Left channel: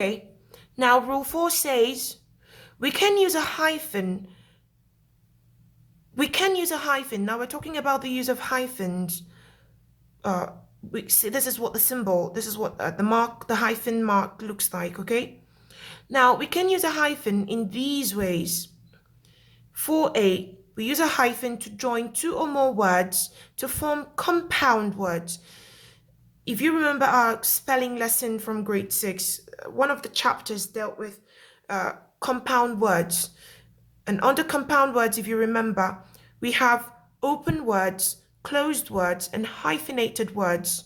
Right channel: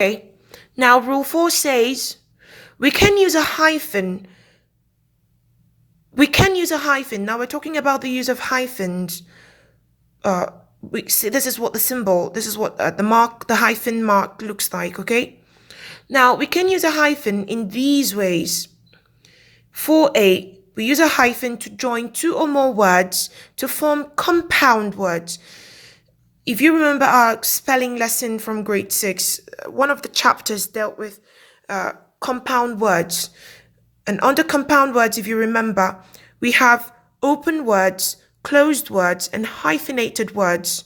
Okay. Now, rule 4 says we can use a hyphen. We can use a hyphen. Now, we're talking about the use of hyphens. We see this is what the symbol, this is what the mark, the hyphen mark looks like. Okay. Now, we can use a hyphen in these ways. 4a, we use a hyphen to join two or more words to form compound words. If you remember our spelling lesson from grade 6, one of the chapters dealt with compound words. And under compound words, if you remember, we have open words, closed words, and hyphenated words.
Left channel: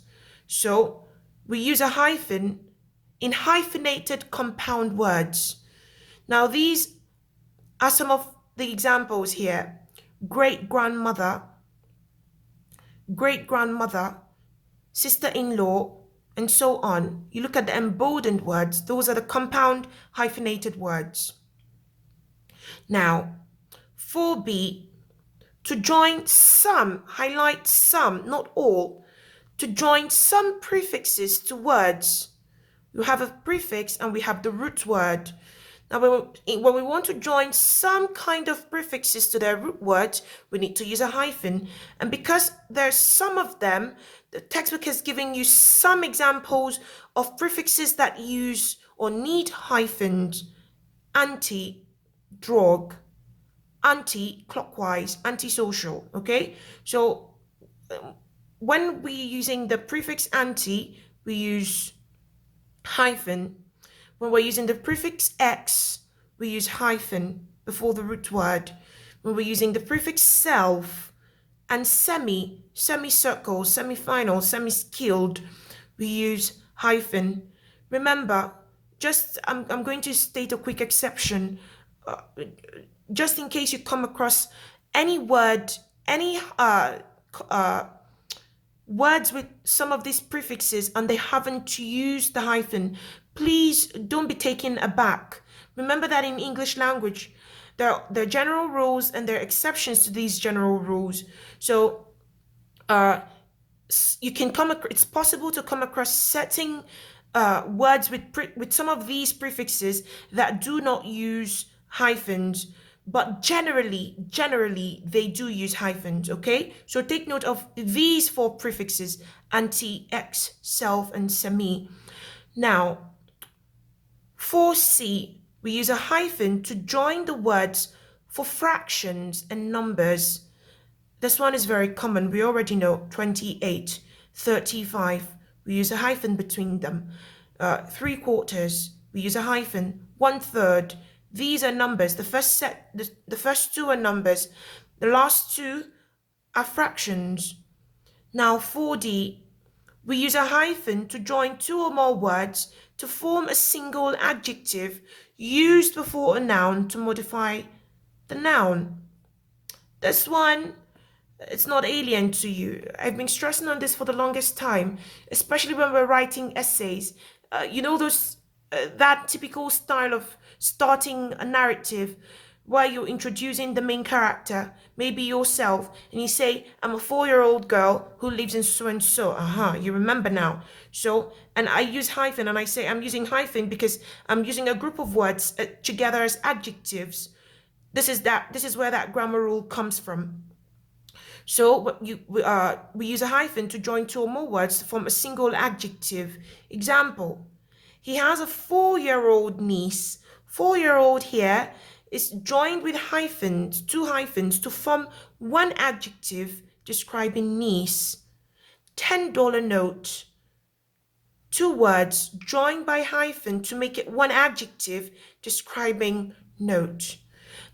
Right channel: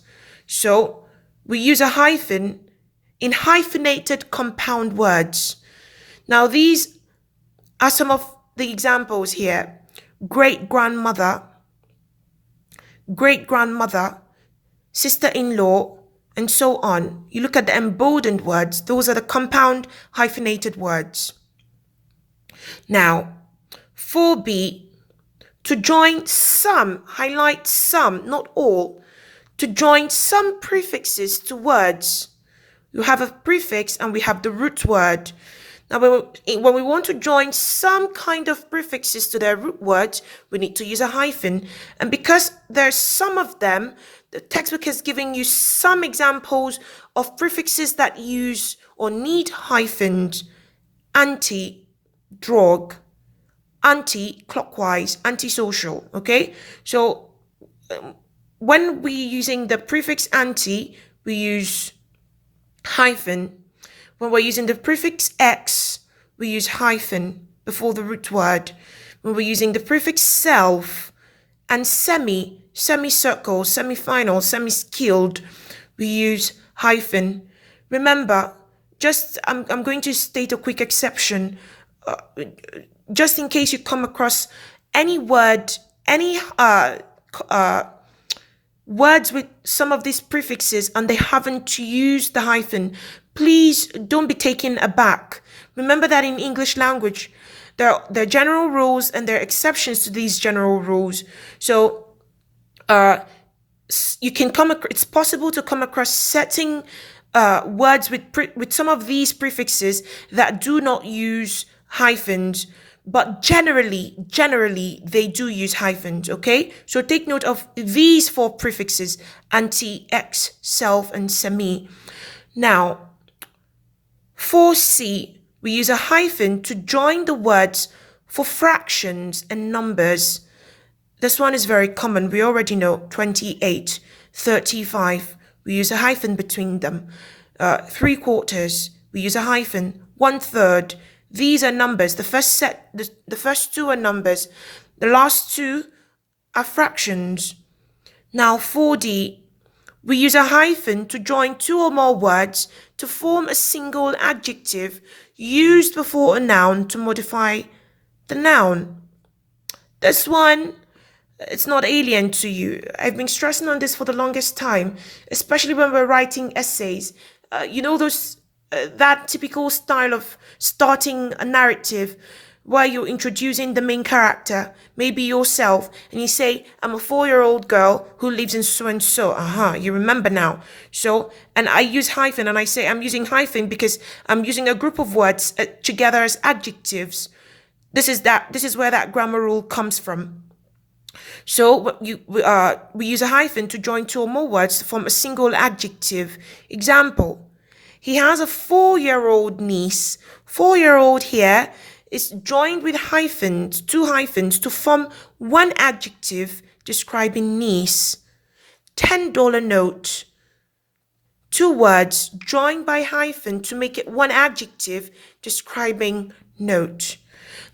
So we use a hyphen in hyphenated compound words. Now, these are some of the examples here. Great grandmother, great grandmother, sister-in-law, and so on. You look at the emboldened words, those are the compound hyphenated words. Now, 4b, to join some, highlight some, not all, to join some prefixes to words. You have a prefix and we have the root word. Now, when we want to join some kind of prefixes to their root words, we need to use a hyphen. And because there's some of them, the textbook is giving you some examples of prefixes that use or need hyphens. Anti, drug, anti-clockwise, anti-social. Okay, so when we're using the prefix anti, we use hyphen. When we're using the prefix x, we use hyphen before the root word. When we're using the prefix self and semi, semicircle, semi-final, semi-skilled, we use hyphen. Remember, I'm going to state a quick exception. Just in case you come across any word, any words with some of these prefixes and they haven't used the hyphen, please don't be taken aback. Remember that in English language, there are general rules and there are exceptions to these general rules. So you can it's possible to come across certain words with some of these prefixes that do not use hyphens, but generally they do use hyphens. Okay, so take note of these 4 prefixes: anti, ex, self, and semi. Now, 4c, we use a hyphen to join the words for fractions and numbers. This one is very common. We already know 28, 35. We use a hyphen between them. 3/4, we use a hyphen. 1/3. These are numbers. The first 2 are numbers. The last 2 are fractions. Now, 4d, we use a hyphen to join 2 or more words to form a single adjective used before a noun to modify the noun. This one, it's not alien to you. I've been stressing on this for the longest time, especially when we're writing essays. That typical style of starting a narrative where you're introducing the main character, maybe yourself, and you say, I'm a 4-year-old girl who lives in so and so. You remember now. So, and I use hyphen, and I say I'm using hyphen because I'm using a group of words together as adjectives. This is where that grammar rule comes from. So we use a hyphen to join 2 or more words to form a single adjective. Example: he has a 4-year-old niece. 4-year-old here is joined with hyphens, 2 hyphens, to form one adjective describing niece. $10 note. 2 words joined by hyphen to make it one adjective describing note.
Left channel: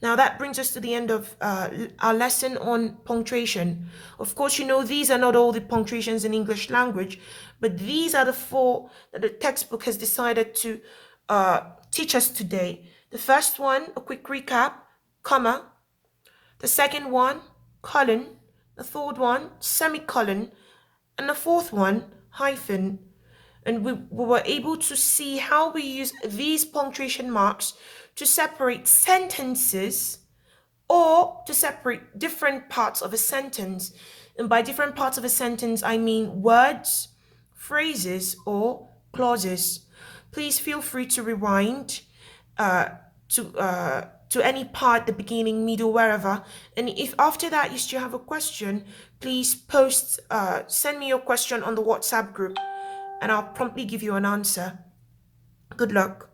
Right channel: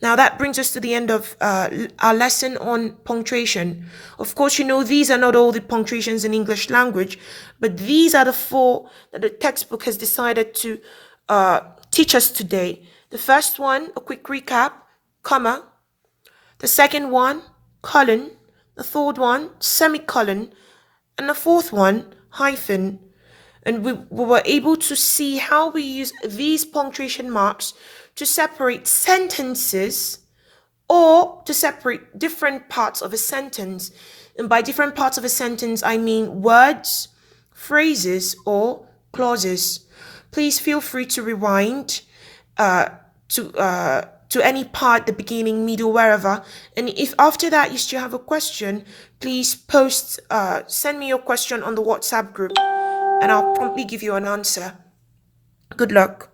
Now that brings us to the end of our lesson on punctuation. Of course, these are not all the punctuations in English language, but these are the 4 that the textbook has decided to teach us today. The first one, a quick recap, comma. The second one, colon. The third one, semicolon. And the fourth one, hyphen. And we were able to see how we use these punctuation marks to separate sentences or to separate different parts of a sentence. And by different parts of a sentence, I mean words, phrases, or clauses. please feel free to rewind uh, to any part, the beginning, middle, wherever. And if after that you still have a question, please send me your question on the WhatsApp group, and I'll promptly give you an answer. Good luck.